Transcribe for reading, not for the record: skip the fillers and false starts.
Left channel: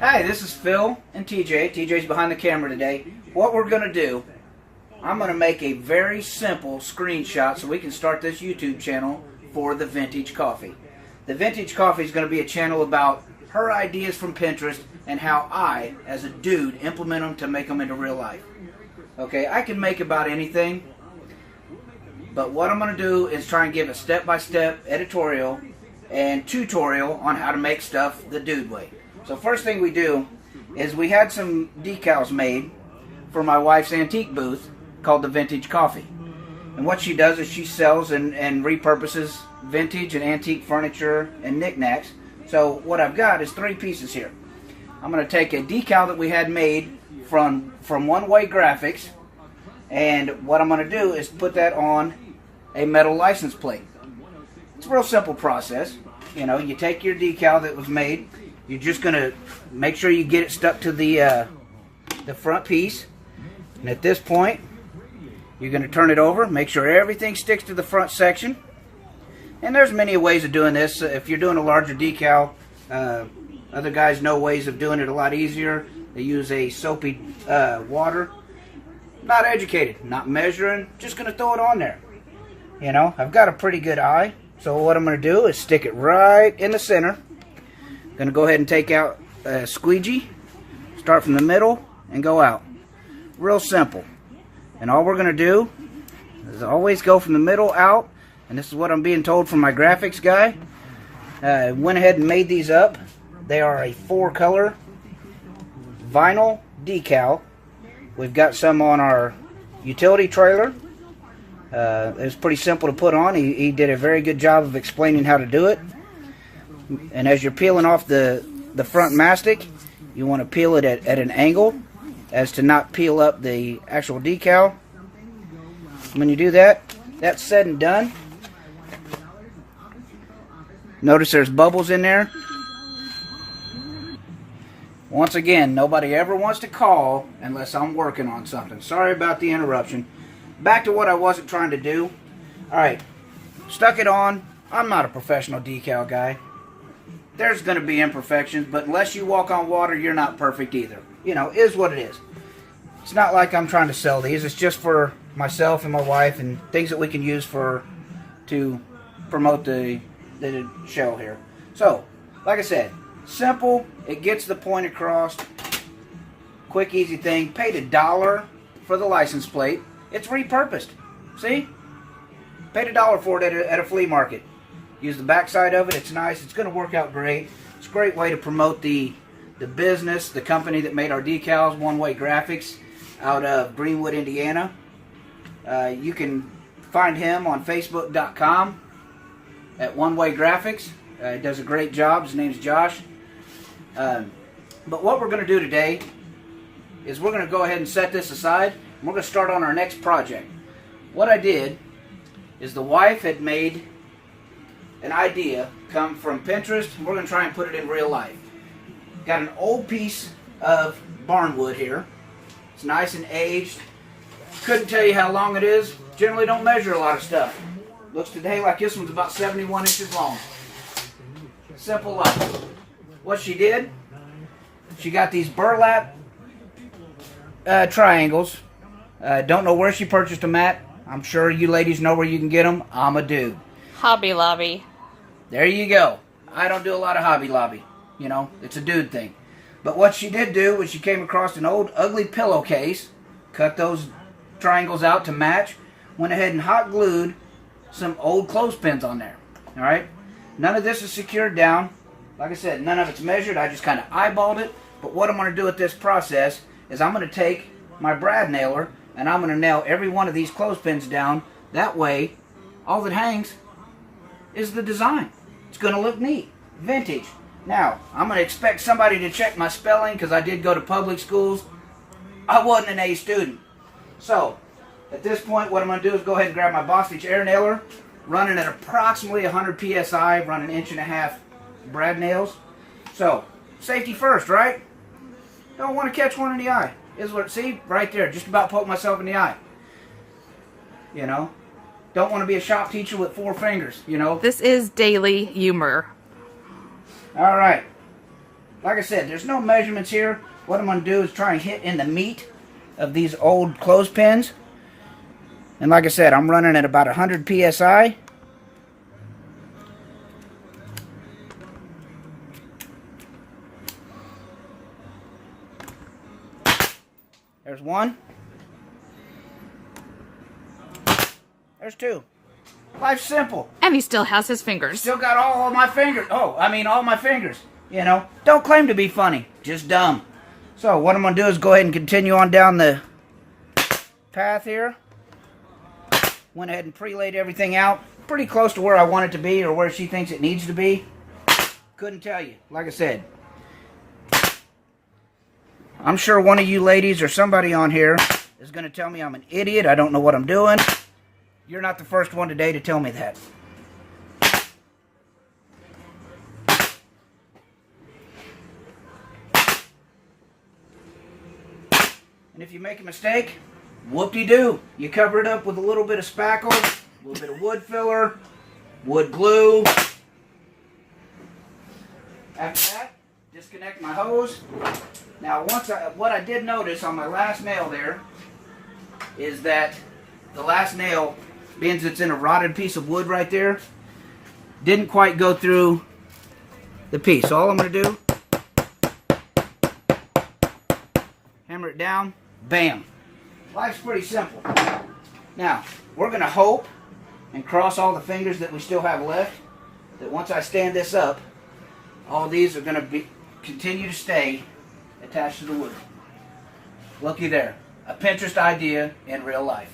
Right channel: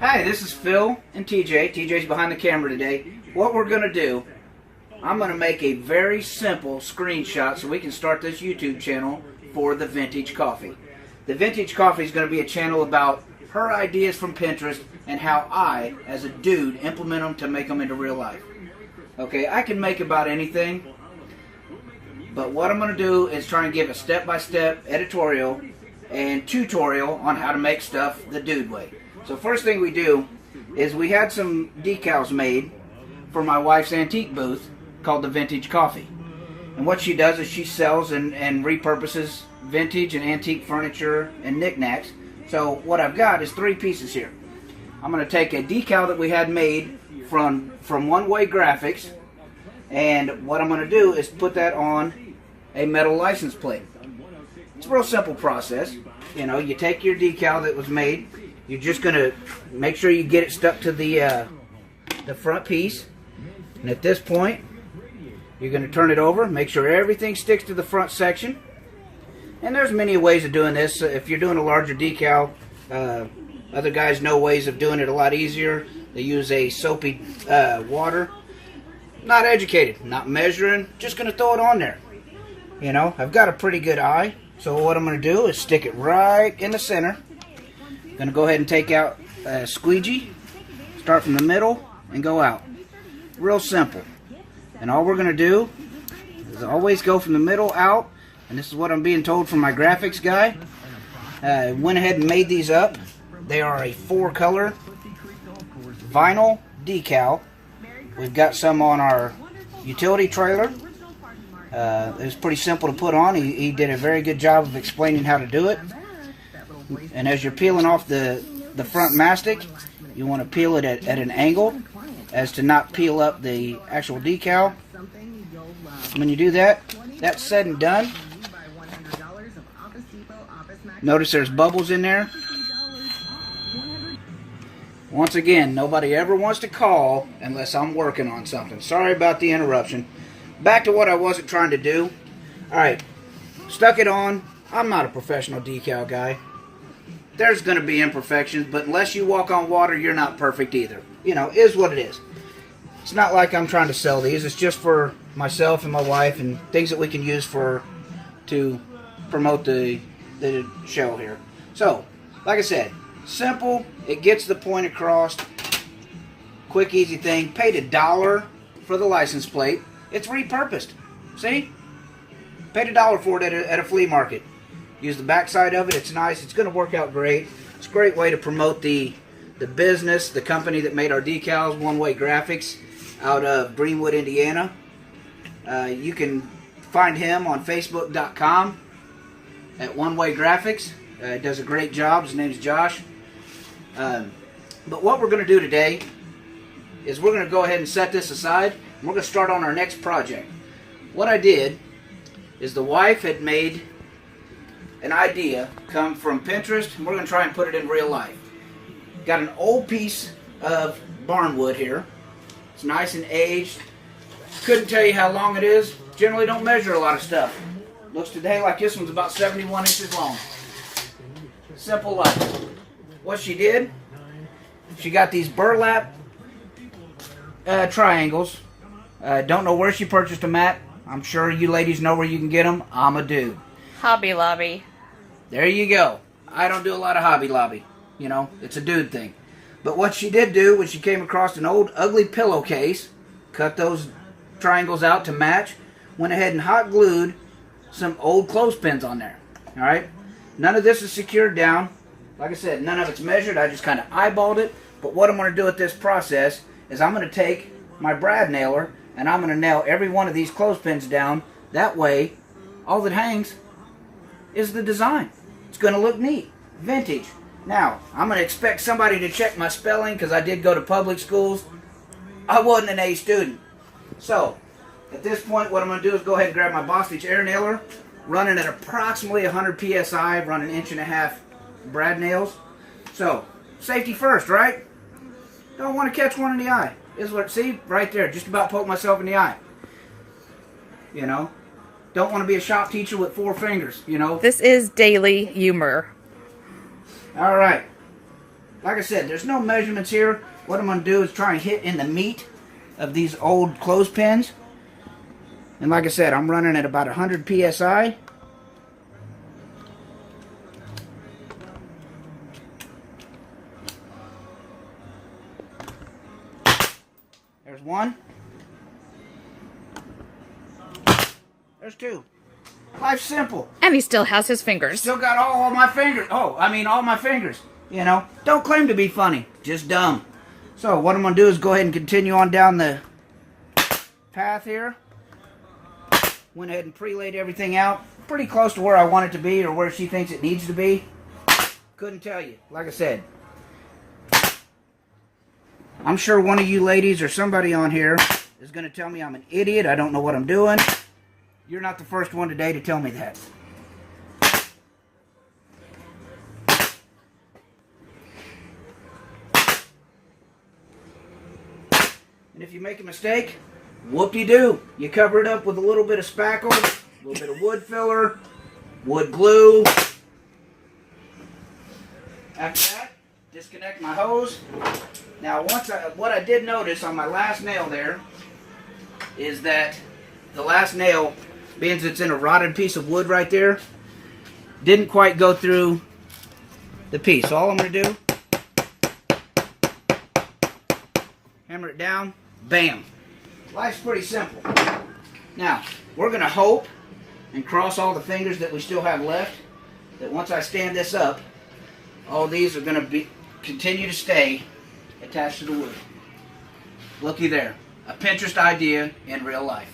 Hi, this is Phil and TJ. TJ's behind the camera today. What we're going to do, I'm going to make a very simple screenshot so we can start this YouTube channel for the Vintage Coffey. The Vintage Coffey is going to be a channel about her ideas from Pinterest and how I, as a dude, implement them to make them into real life. Okay, I can make about anything, but what I'm going to do is try and give a step-by-step editorial and tutorial on how to make stuff the dude way. So first thing we do is we had some decals made for my wife's antique booth called the Vintage Coffey. And what she does is she sells and repurposes vintage and antique furniture and knickknacks. So what I've got is 3 pieces here. I'm going to take a decal that we had made from One Way Graphics, and what I'm going to do is put that on a metal license plate. It's a real simple process. You know, you take your decal that was made. You're just going to make sure you get it stuck to the front piece. And at this point, you're going to turn it over, make sure everything sticks to the front section. And there's many ways of doing this. If you're doing a larger decal, other guys know ways of doing it a lot easier. They use a soapy water. Not educated, not measuring, just going to throw it on there. You know, I've got a pretty good eye. So what I'm going to do is stick it right in the center. Going to go ahead and take out a squeegee, start from the middle, and go out. Real simple. And all we're going to do is always go from the middle out. And this is what I'm being told from my graphics guy. Went ahead and made these up. They are a 4-color vinyl decal. We've got some on our utility trailer. It's pretty simple to put on. He did a very good job of explaining how to do it. And as you're peeling off the front mastic, you want to peel it at an angle as to not peel up the actual decal. When you do that, that's said and done. Notice there's bubbles in there. Once again, nobody ever wants to call unless I'm working on something. Sorry about the interruption. Back to what I wasn't trying to do. Alright, stuck it on. I'm not a professional decal guy. There's going to be imperfections, but unless you walk on water, you're not perfect either. You know, is what it is. It's not like I'm trying to sell these. It's just for myself and my wife and things that we can use to promote the show here. So, like I said, simple. It gets the point across. Quick, easy thing. Paid $1 for the license plate. It's repurposed. See? Paid $1 for it at a flea market. Use the back side of it. It's nice. It's going to work out great. It's a great way to promote the business, the company that made our decals, One Way Graphics, out of Greenwood, Indiana. You can find him on Facebook.com at One Way Graphics. He does a great job. His name's Josh. But what we're going to do today is we're going to go ahead and set this aside. And we're going to start on our next project. What I did is the wife had made an idea come from Pinterest, and we're going to try and put it in real life. Got an old piece of Barnwood here. It's nice and aged. Couldn't tell you how long it is. Generally don't measure a lot of stuff. Looks today like this one's about 71 inches long. Simple life. What she did, she got these burlap triangles. Don't know where she purchased them at. I'm sure you ladies know where you can get them. I'm a dude. Hobby Lobby. There you go. I don't do a lot of Hobby Lobby. You know, it's a dude thing. But what she did do was she came across an old ugly pillowcase, cut those triangles out to match, went ahead and hot glued some old clothespins on there. Alright? None of this is secured down. Like I said, none of it's measured. I just kind of eyeballed it. But what I'm going to do with this process is I'm going to take my brad nailer and I'm going to nail every one of these clothespins down. That way, all that hangs is the design. It's going to look neat. Vintage. Now, I'm going to expect somebody to check my spelling because I did go to public schools. I wasn't an A student. So, at this point, what I'm going to do is go ahead and grab my Bostitch air nailer, run it at approximately 100 PSI, run an 1.5 inch brad nails. So, safety first, right? Don't want to catch one in the eye. Is what, see? Right there. Just about poke myself in the eye. You know? Don't want to be a shop teacher with 4 fingers, you know? This is daily humor. Alright. Like I said, there's no measurements here. What I'm going to do is try and hit in the meat of these old clothespins. And like I said, I'm running at about 100 psi. There's one. There's two. Life's simple. And he still has his fingers. Still got all my fingers. Oh, I mean all my fingers. You know, don't claim to be funny. Just dumb. So what I'm going to do is go ahead and continue on down the path here. Went ahead and pre-laid everything out. Pretty close to where I want it to be or where she thinks it needs to be. Couldn't tell you. Like I said. I'm sure one of you ladies or somebody on here is going to tell me I'm an idiot. I don't know what I'm doing. You're not the first one today to tell me that. And if you make a mistake, whoop-de-doo. You cover it up with a little bit of spackle, a little bit of wood filler, wood glue. After that, disconnect my hose. Now, what I did notice on my last nail there is that the last nail, being it's in a rotted piece of wood right there, didn't quite go through the piece. So all I'm going to do, hammer it down, bam. Life's pretty simple. Now, we're going to hope and cross all the fingers that we still have left, that once I stand this up, all these are going to continue to stay attached to the wood. Looky there. A Pinterest idea in real life.